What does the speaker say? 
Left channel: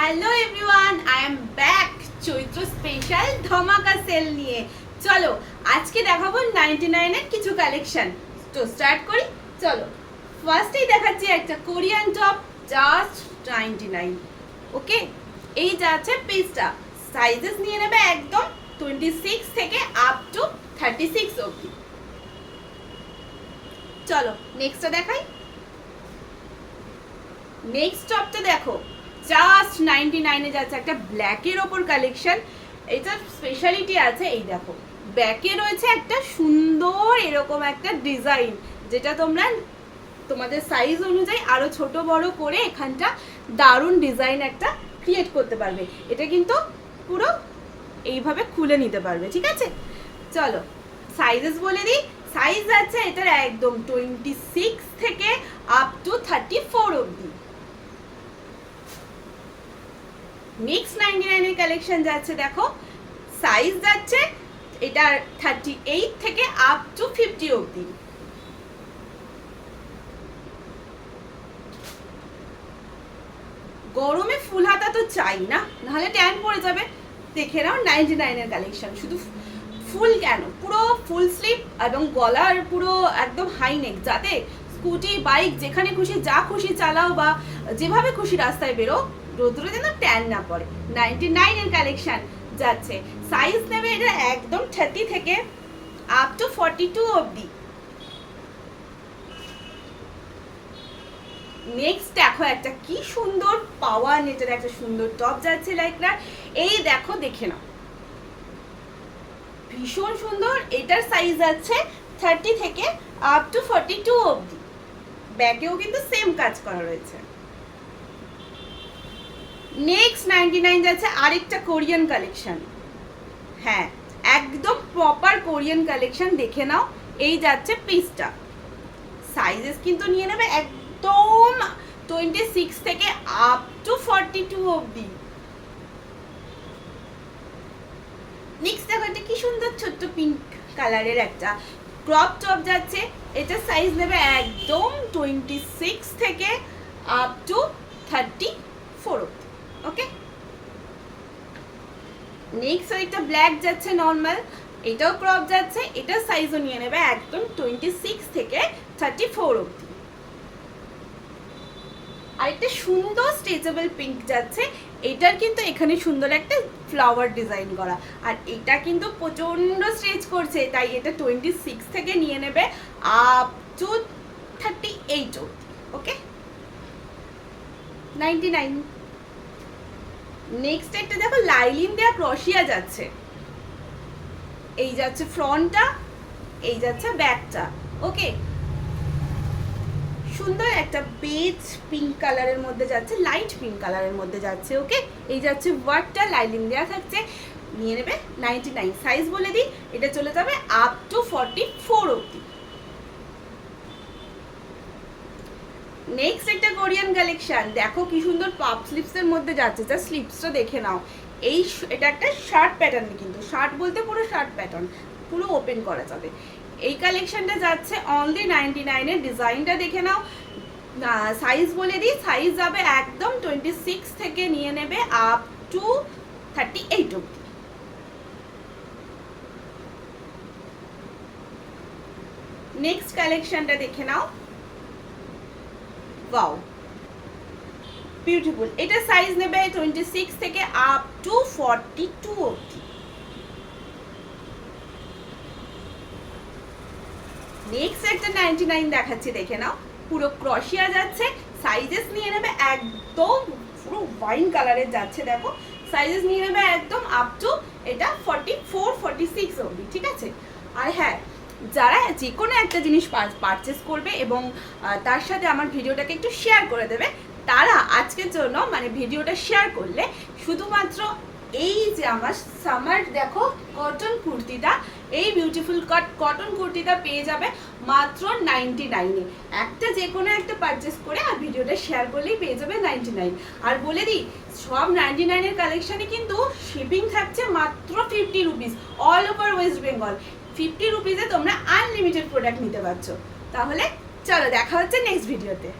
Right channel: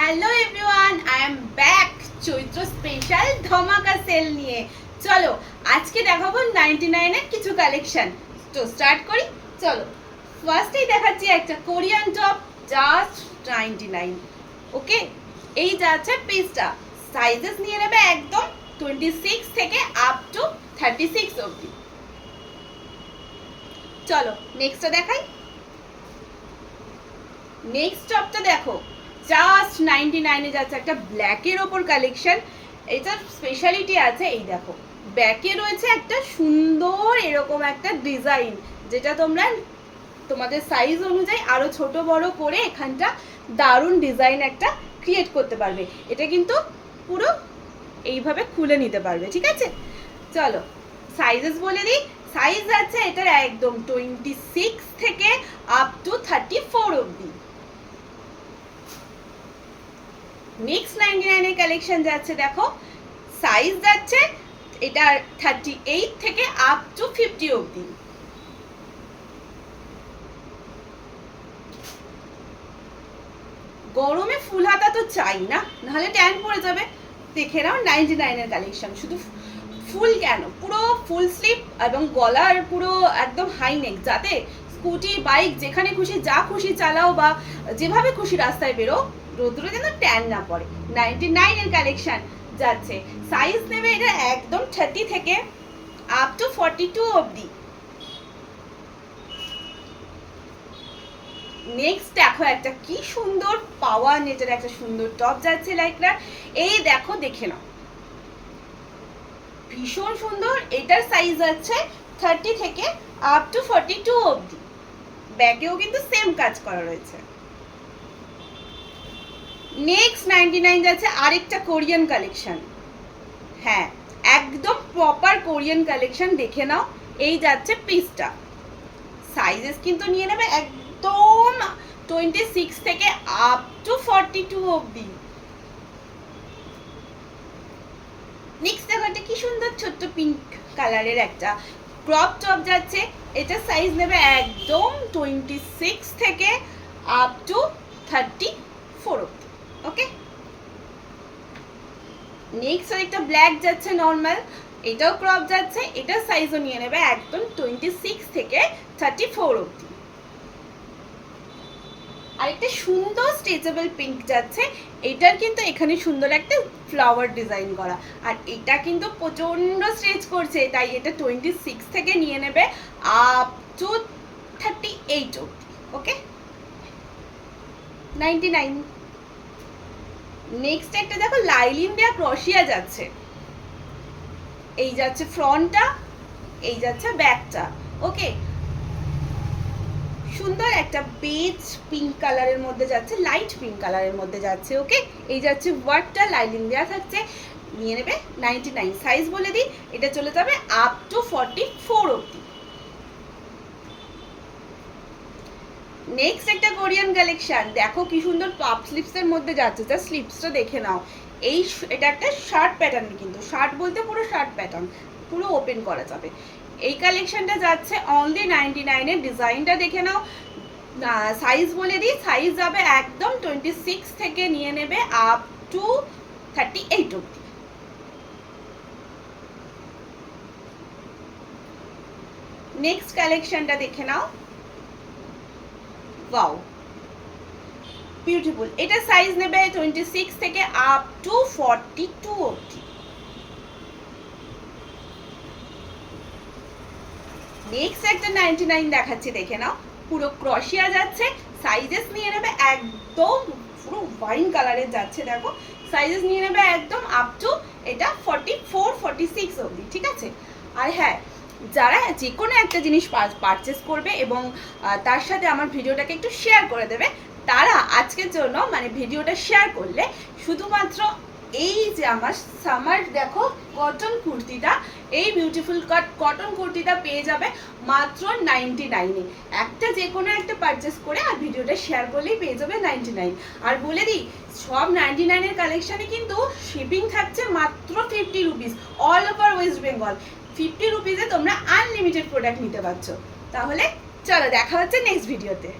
Hello everyone, I am back Chaitra special ধামাকা sell নিয়ে। চলো আজকে দেখাবো 99 এর কিছু কালেকশন। তো স্টার্ট করি। চলো ফার্স্টেই দেখাচ্ছি একটা কোরিয়ান টপ, জাস্ট 99। ওকে, এই যাচ্ছে পিসটা। সাইজেস নিয়ে নেবে একদম 26 থেকে আপ টু 36 অবধি। চলো নেক্সটটা দেখাই। নেক্সট টপটা দেখো, জাস্ট 99 এ যাচ্ছে একটা ব্ল্যাকের ওপর কালেকশন। এটার স্পেশালিটি আছে, এই দেখো ব্যাকে রয়েছে একটা সুন্দর এরকম একটা ডিজাইন, যেটা তোমরা তোমাদের সাইজ অনুযায়ী আরো ছোট বড় করে এখানটা দারুণ ডিজাইন একটা ক্রিয়েট করতে পারবে। এটা কিন্তু পুরো এইভাবে খুলে নিতে পারবে, ঠিক আছে। চলো সাইজেস বলে দিই। সাইজ আছে এটার একদম 26 থেকে আপ টু 34 অবধি। নেক্সট 99 এর কালেকশন যাচ্ছে, দেখো সাইজ যাচ্ছে এটার 38 থেকে আপ টু 50 অবধি। গরমে ফুল হাতা তো চাই না, নাহলে ট্যান পড়ে যাবে। দেখে নাও 99 এর কালেকশন। শুধু ফুল কেন, পুরো ফুল স্লিভ এবং গলার পুরো একদম হাই নেক, যাতে স্কুটি বাইক যেখানে খুশি যা খুশি চালাও বা যেভাবে খুশি রাস্তায় বেরো, রোদ্রে যেন ট্যান না পড়ে। 99 এর কালেকশন যাচ্ছে। সাইজ নেবে এটা একদম 30 থেকে আপ টু 42 অবধি। নেক্সট দেখো একটা কি সুন্দর পাওয়ার নেটের একটা সুন্দর টপ যাচ্ছে লাইকরা। এই দেখো, দেখে নাও, ভীষণ সুন্দর। এটার সাইজ আছে 30 থেকে আপ টু 42 অবধি। ব্যাগেও কিন্তু সেম কাজ করা রয়েছে। নেক্সট 99 যাচ্ছে আরেকটা কোরিয়ান কালেকশন। হ্যাঁ, একদম প্রপার কোরিয়ান কালেকশন, দেখে নাও। এই যাচ্ছে পিসটা। সাইজেস কিন্তু নিয়ে নেবে একদম 26 থেকে আপ টু 42 অবধি। নেক্সট দেখো একটা কি সুন্দর ছোট্ট পিঙ্ক কালারের একটা ক্রপ টপ যাচ্ছে। এটা সাইজ নেবে একদম 26 থেকে আপ টু 34 অবধি। ওকে, নেক্সট একটা ব্ল্যাক যাচ্ছে নর্মাল, এটাও ক্রপ যাচ্ছে। এটা সাইজও নিয়ে নেবে একদম 26 থেকে 34 অবধি। আরেকটা সুন্দর স্ট্রেচেবল পিঙ্ক যাচ্ছে। এটার কিন্তু এখানে সুন্দর একটা ফ্লাওয়ার ডিজাইন করা, আর এটা কিন্তু প্রচন্ড স্ট্রেচ করছে, তাই এটা 26 থেকে নিয়ে নেবে আপ টু 38 অবধি। ওকে, 99। নেক্সট একটা দেখো লাইলিন দেয়া ক্রশিয়া যাচ্ছে। এই যাচ্ছে ফ্রন্টটা, এই যাচ্ছে ব্যাকটা। ওকে, সুন্দর একটা বেজ পিঙ্ক কালারের মধ্যে যাচ্ছে, লাইট পিঙ্ক কালারের মধ্যে যাচ্ছে। ওকে, এই যাচ্ছে ওয়ার্কটা, লাইলিন দেয়া থাকছে। নিয়ে নেবে 99। সাইজ বলে দিই, এটা চলে যাবে আপ টু 44 অবধি। নেক্সট একটা কোরিয়ান কালেকশন, দেখো কি সুন্দর পাপ স্লিপসের মধ্যে যাচ্ছে। যা স্লিপসটা দেখে নাও। এটা একটা শার্ট প্যাটার্ন, কিন্তু শার্ট বলতে পুরো শার্ট প্যাটার্ন, পুরো ওপেন করা যাবে। এই কালেকশনটা যাচ্ছে অনলি 99 এর। ডিজাইনটা দেখে নাও। সাইজ বলে দিই, সাইজ যাবে একদম 26 থেকে নিয়ে নেবে আপ টু 38 অবধি। নেক্সট কালেকশনটা দেখে নাও। Wow, beautiful. এটা সাইজ নেবে 26 থেকে আপ টু 42 অবধি। নেক্সট একটা 99 দেখাচ্ছি, দেখে নাও। পুরো ক্রশিয়া যাচ্ছে। সাইজেস নিয়ে নেবে একদম পুরো ওয়াইন কালারের যাচ্ছে। দেখো সাইজেস নিয়ে নেবে একদম আপ টু এটা 44 46 অবধি, ঠিক আছে। আর হ্যাঁ, যারা যে কোনো একটা জিনিস পারচেস করবে এবং তার সাথে আমার ভিডিওটাকে একটু শেয়ার করে দেবে, তারা আজকের জন্য মানে ভিডিওটা শেয়ার করলে শুধুমাত্র এই যে আমার সামার দেখো কটন কুর্তিটা, এই বিউটিফুল কটন কুর্তিটা পেয়ে যাবে মাত্র 99-এ। একটা যে কোনো একটা পারচেস করে আর ভিডিওটা শেয়ার করলেই পেয়ে যাবে 99। আর বলে দিই, সব 99 এর কালেকশানে কিন্তু শিপিং থাকছে মাত্র 50 rupees, all over West Bengal. 50 রুপিসে তোমরা আনলিমিটেড প্রোডাক্ট নিতে পারছো। তাহলে চলো দেখা হচ্ছে নেক্সট ভিডিওতে।